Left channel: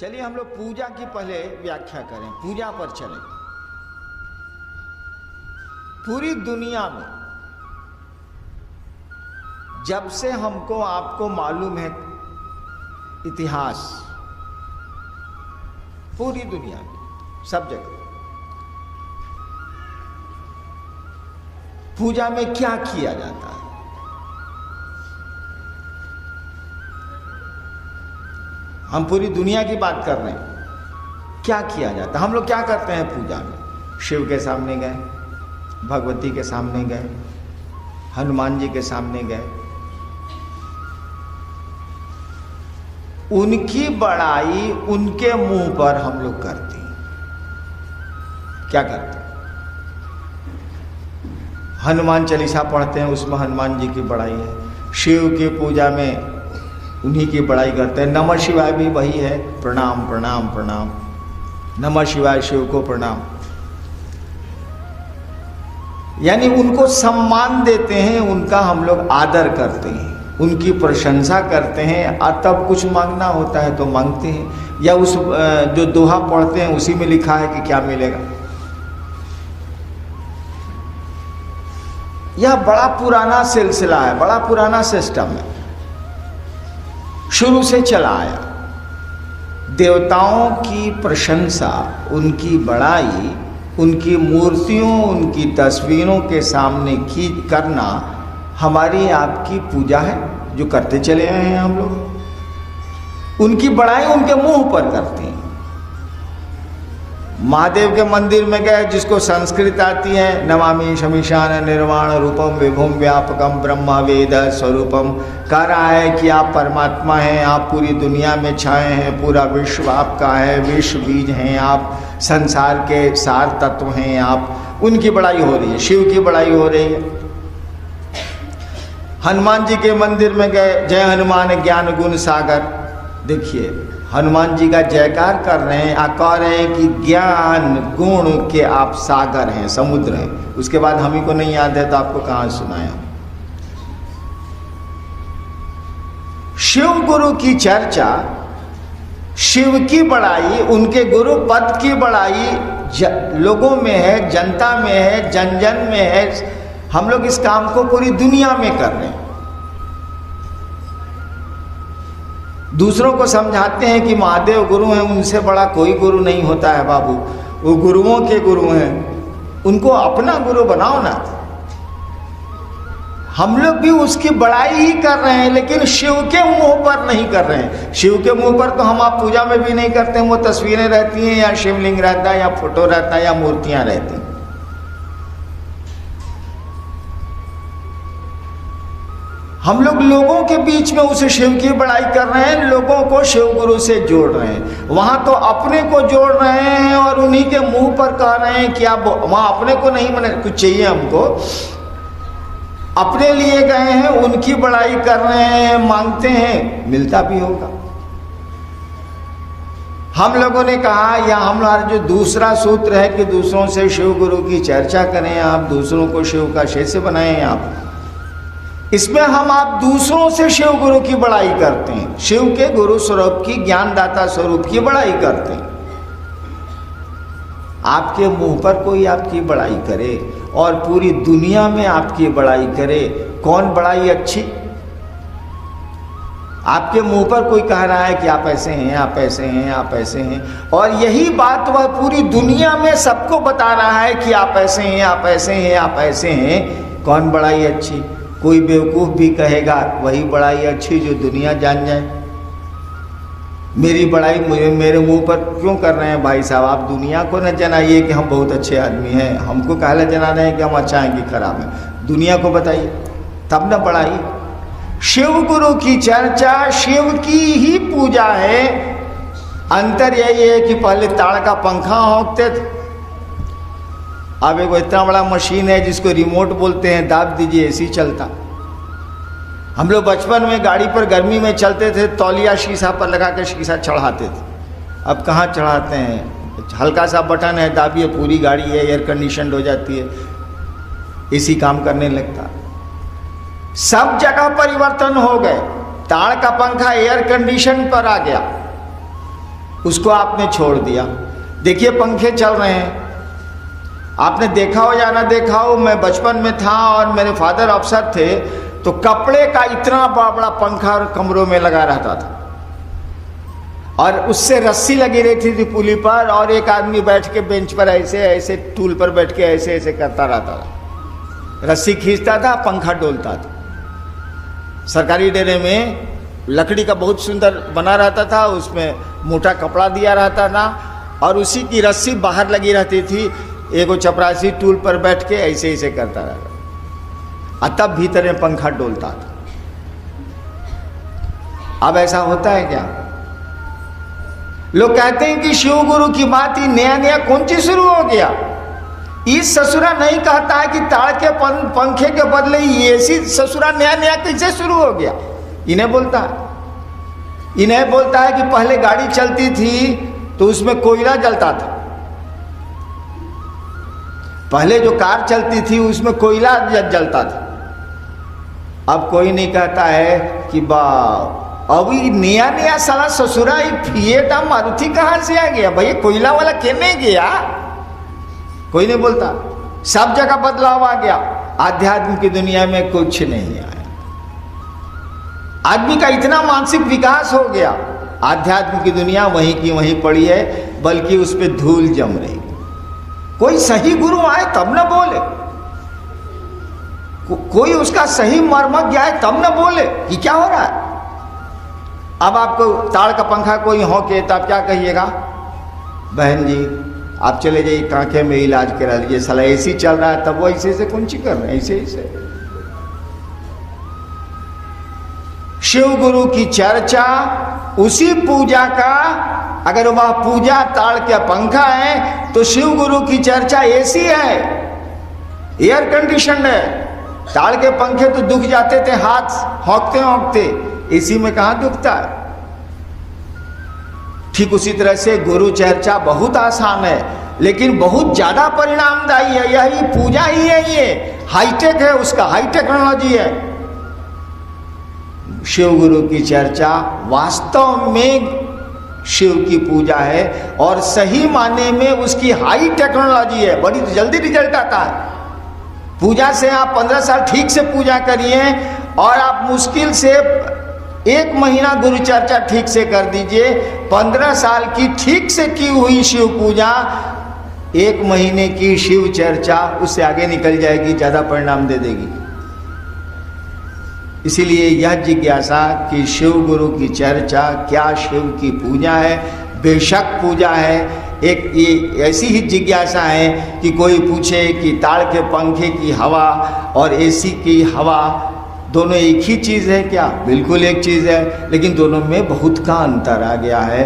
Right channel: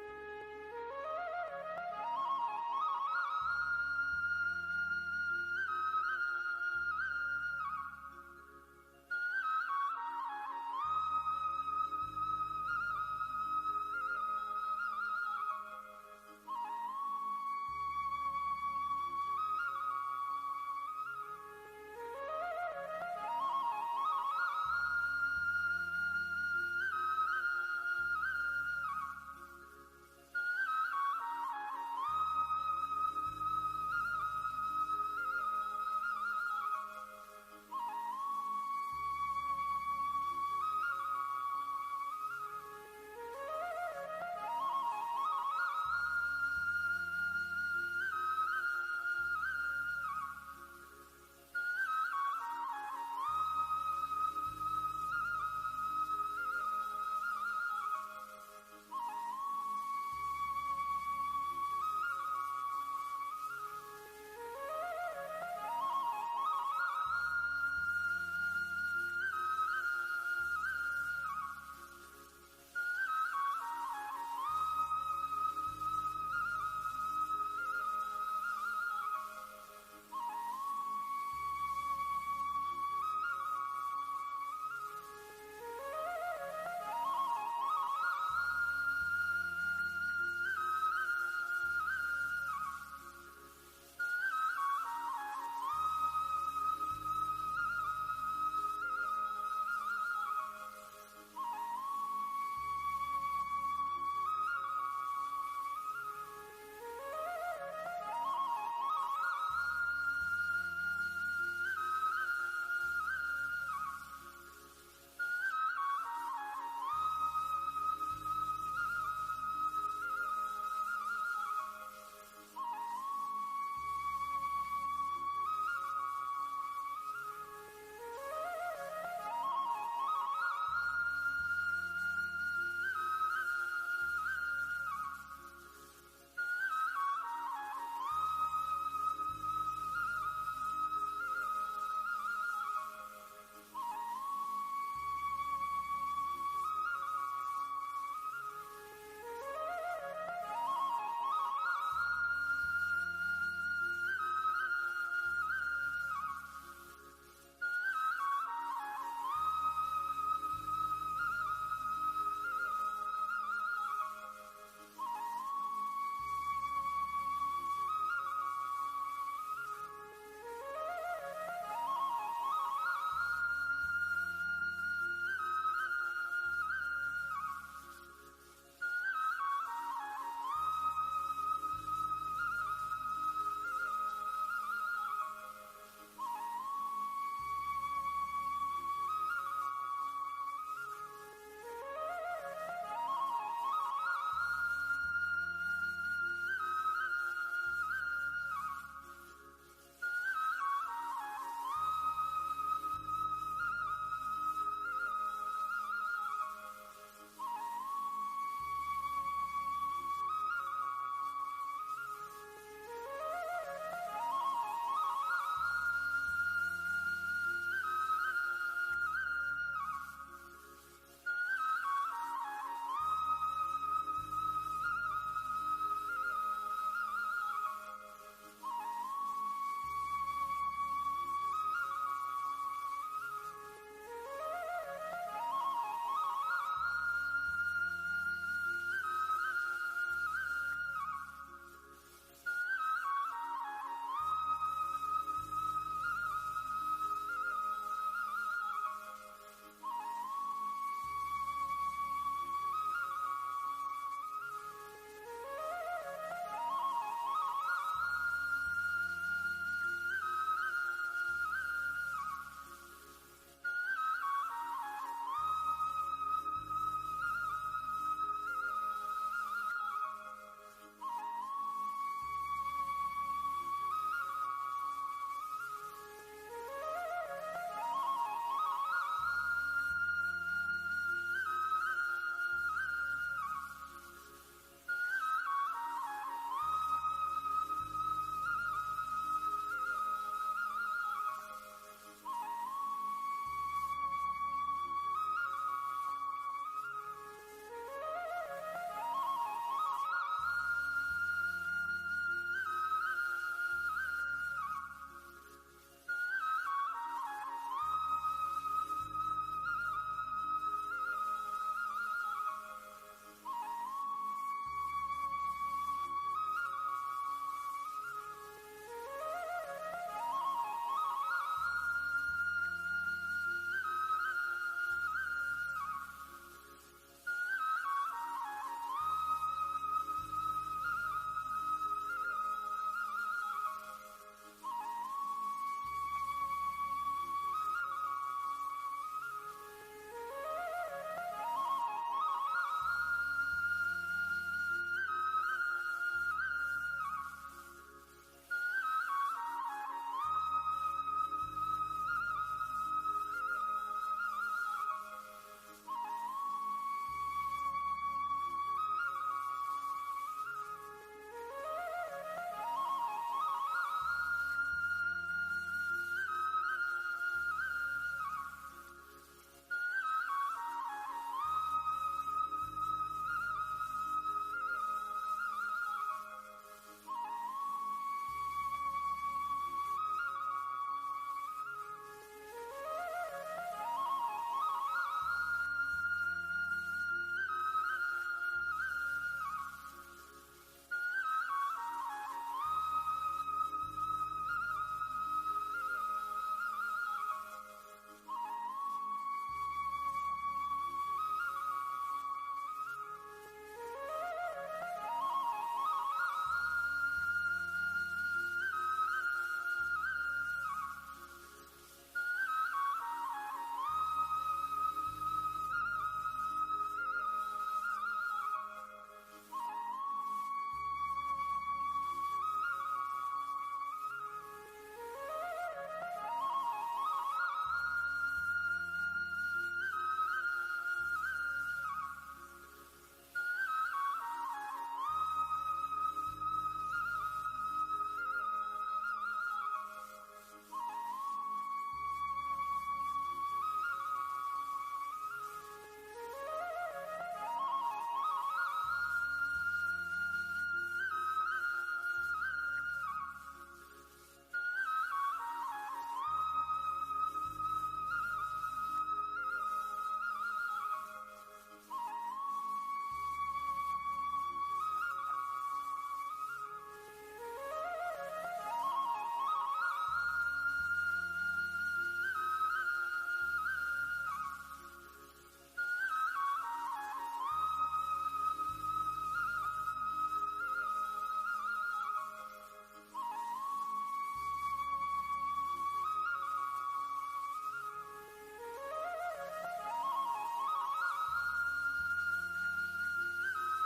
चलिए हम लोग पूजा की पहले व्याख्या करें, पूजा पर चलें। पूरी दुनिया में जब से हमको आपको मालूम है इतिहास, पूरी दुनिया में सब जगह पूजा में क्या किया जाता है? हम पूरी दुनिया की बात कर रहे हैं। क्या किया जाता है? हम लोग क्या करते हैं पूजा में? शिव के सामने गए, भगवती के सामने गए, हनुमान जी के सामने गए, उनकी बड़ाई उनके मुंह पर हम लोग करते हैं। क्या करते हैं? हनुमान चालीसा पढ़ते हैं, उसमें हनुमान जी की बड़ाई है। शिव की पूजा में उन्हीं की बड़ाई करते हैं। नमः शिवाय भी वही है, प्रणाम प्रणाम प्रणाम, नमः शिवाय, शिव को प्रणाम। यानी उनको सम्मान देते हैं, उनका हम लोग आदर करते हैं, उनकी प्रशंसा करते हैं। और तब कुछ मांगना होता है तो मांगते हैं, या उस जो दोहा पढ़ते हैं उसी में लिखा है कि क्या मिलेगा। यह बड़ा पुराना सिलसिला है, बड़ा पुराना सिस्टम है, शुरू से चला आया। देवताओं की प्रशंसा, उनकी बड़ाई, उनकी मूर्तियों, उनकी तस्वीरों के सामने की करना हमारी आपकी पूजा है, जो करते चले आए हैं हम लोग। उनकी बड़ाई उनके मुंह पर करते हैं। महादेव के मंदिर में गए, जिसको संस्कृत आती है, नमामि शमीशान निर्वाण रूपम विभुम व्यापकम ब्रह्म वेद स्वरूपम, कह रहा है कि आप परमात्मा हैं, आप पूरी दुनिया में छाए हैं, पूरा विश्व आपका है, विश्व बीज हैं आप, संसार के सार तत्व हैं आप। उनकी बड़ाई हो रही है, शिव की बड़ाई हो रही है। हनुमान जी के मंदिर में गए, जय हनुमान ज्ञान गुण सागर। देखिए हनुमान जी का जयकार कर रहे हैं, कह रहे हैं कि ज्ञान गुण के आप सागर हैं, समुद्र हैं। उसके बाद हम ही को नहीं याद है तो आपको कहाँ सुनाया। शिव गुरु की चर्चा, शिव की बड़ाई, उनके गुरु पद की बड़ाई लोगों में है, जनता में है, जन जन में है। हम लोग इस काम को पूरी दुनिया में कर रहे हैं। दूसरों को समझाते हैं कि महादेव गुरु हैं, उनसे बड़ा कोई गुरु नहीं होता है बाबू, वो गुरुओं के गुरु हैं, उनको अपना गुरु बनाओ ना। हम लोग भी उसकी बड़ाई ही कर रहे हैं, लेकिन शिव के मुंह पर नहीं कर रहे हैं। शिव के मुंह पर तो हम आप पूजा में भी नहीं करते हैं। वो तस्वीरें रहती हैं, या शिवलिंग रहता है, या फोटो रहता है, या मूर्तियां रहती हैं। हम लोग लोगों के बीच में उसे शिव की बड़ाई कर रहे हैं, लोगों को शिव गुरु से जोड़ रहे हैं। वहां तो अपने को जोड़ रहे हैं और उन्हीं के मुंह पर कह रहे हैं कि आप वहां अपने को नहीं, मैंने कुछ चाहिए हमको, अपने लिए गए हैं, उनकी बड़ाई कर रहे हैं, मांगते हैं, मिलता भी होगा। हम लोगों ने कहा, या हमारा जो दूसरा सूत्र है कि दूसरों से शिव गुरु की चर्चा करें आप, दूसरों को शिव का शिष्य बनाएं आप। इसमें हम आप दूसरों से शिव गुरु की बड़ाई करते हैं, शिव के गुरु स्वरूप की, ज्ञानदाता स्वरूप की बड़ाई करते हैं। आपके मुंह पर कोई आपकी बड़ाई करे और पूरी दुनिया में आपकी बड़ाई करे, कौन बड़ाई अच्छी? आपके मुंह पर कोई कह रहा है कि आप ऐसे हैं, आप ऐसे हैं, आप ऐसे हैं, और यही बात वह पूरी दुनिया में सबको बता रहा है कि आप ऐसे हैं, आप ऐसे हैं, आप ऐसे हैं। कौन बड़ाई अच्छी? कोई बेवकूफ़ भी कहेगा वही बड़ाई अच्छी जो दुनिया जान जाए। मेरी बड़ाई मेरे मुंह पर क्यों कर रहे हैं भाई साहब? आप दुनिया को न जनाइए कि हम बहुत अच्छे आदमी हैं, हमको काहला जना रहे हैं कि हम अच्छा हैं कि खराब हैं। दुनिया को बताइए, तब न बड़ाई। शिव गुरु की चर्चा, शिव की ही पूजा है। अंतर यही है कि पहले ताड़ का पंखा होंकते थे, अब एक इतना बड़ा मशीन है जिसको रिमोट बोलते हैं, दाब दीजिए एसी चलता। हम लोग बचपन में गाड़ी पर गर्मी में चलते थे, तौलिया शीशा पर लगा के शीशा चढ़ाते थे। अब कहाँ चढ़ाते हैं? हल्का सा बटन है, दाबिए, पूरी गाड़ी है एयर कंडीशन हो जाती है, एसी काम करने लगता। सब जगह परिवर्तन हो गए। ताड़ का पंखा एयर कंडीशन पर आ गया। उसको आपने छोड़ दिया। देखिए पंखे चल रहे हैं, आपने देखा हो या ना देखा हो, मैं बचपन में था और मेरे फादर अफसर थे, तो कपड़े का इतना बड़ा बड़ा पंखा कमरों में लगा रहता था और उससे रस्सी लगी रहती थी पुली पर, और एक आदमी बैठ के बेंच पर ऐसे ऐसे टूल पर बैठ के ऐसे ऐसे करता रहता था, रस्सी खींचता था, पंखा डोलता था। सरकारी डेरे में लकड़ी का बहुत सुंदर बना रहता था, उसमें मोटा कपड़ा दिया रहता था और उसी की रस्सी बाहर लगी रहती थी। एगो चपरासी टूल पर बैठ के ऐसे ऐसे करता रहता और तब भीतर में पंखा डोलता था। अब ऐसा होता है क्या? लोग कहते हैं कि शिव गुरु की बात ही नया नया कौन चीज शुरू हो गया। इस ससुरा नहीं कहता है कि ताड़ के पंखे के बदले ऐसी ससुरा नया नया कैसे शुरू हो गया। इन्हें बोलता है कि पहले गाड़ी चलती थी तो उसमें कोयला जलता था, पहले जो कार चलती थी उसमें कोयला जलता था। अब कोई नहीं कहता है कि अभी नया नया साला ससुरा एक फिएट मारुति कहां से आ गया, भैया कोयला वाला कहने गया, कोई नहीं बोलता। सब जगह बदलाव आ गया, आध्यात्म की दुनिया में कुछ नहीं आया। आदमी का इतना मानसिक विकास हो गया, आध्यात्म की दुनिया वहीं की वहीं पड़ी है, बल्कि उस पर धूल जम रही। कोई सही गुरु आए तब न बोले, कोई उसका सही मर्मज्ञ आए तब न बोले कि क्या हो रहा है। अब आपको ताड़ का पंखा कोई हो के तो आप क्या कहिएगा? बहन जी आप चले जाइए कांखे में इलाज करा लीजिए, साला ऐसी चल रहा है, तब वो ऐसे ऐसे कुंची कर रहे हैं, ऐसे ऐसे। शिव गुरु की चर्चा, उसी पूजा का, अगर वह पूजा ताड़ का पंखा है तो शिव गुरु की चर्चा ऐसी है, एयर कंडीशन है। ताड़ के पंखे तो दुख जाते थे हाथ होंकते होंकते, इसी में कहां दुखता है। ठीक उसी तरह से गुरु चर्चा बहुत आसान है लेकिन बहुत ज्यादा परिणामदायी है। यही पूजा ही है, ये हाईटेक है, उसका हाई टेक्नोलॉजी है। शिव गुरु की चर्चा वास्तव में शिव की पूजा है और सही माने में उसकी हाई टेक्नोलॉजी है, बड़ी जल्दी रिजल्ट आता है। पूजा से आप 15 साल ठीक से पूजा करिए और आप मुश्किल से 1 महीना गुरु चर्चा ठीक से कर दीजिए, 15 साल की ठीक से की हुई शिव पूजा 1 महीने की शिव चर्चा उससे आगे निकल जाएगी, ज्यादा परिणाम दे देगी। इसीलिए यह जिज्ञासा कि शिव गुरु की चर्चा क्या शिव की पूजा है? बेशक पूजा है। एक ये ऐसी ही जिज्ञासा है कि कोई पूछे कि ताड़ के पंखे की हवा और एसी की हवा दोनों एक ही चीज़ है क्या? बिल्कुल एक चीज़ है, लेकिन दोनों में बहुत का अंतर आ गया है।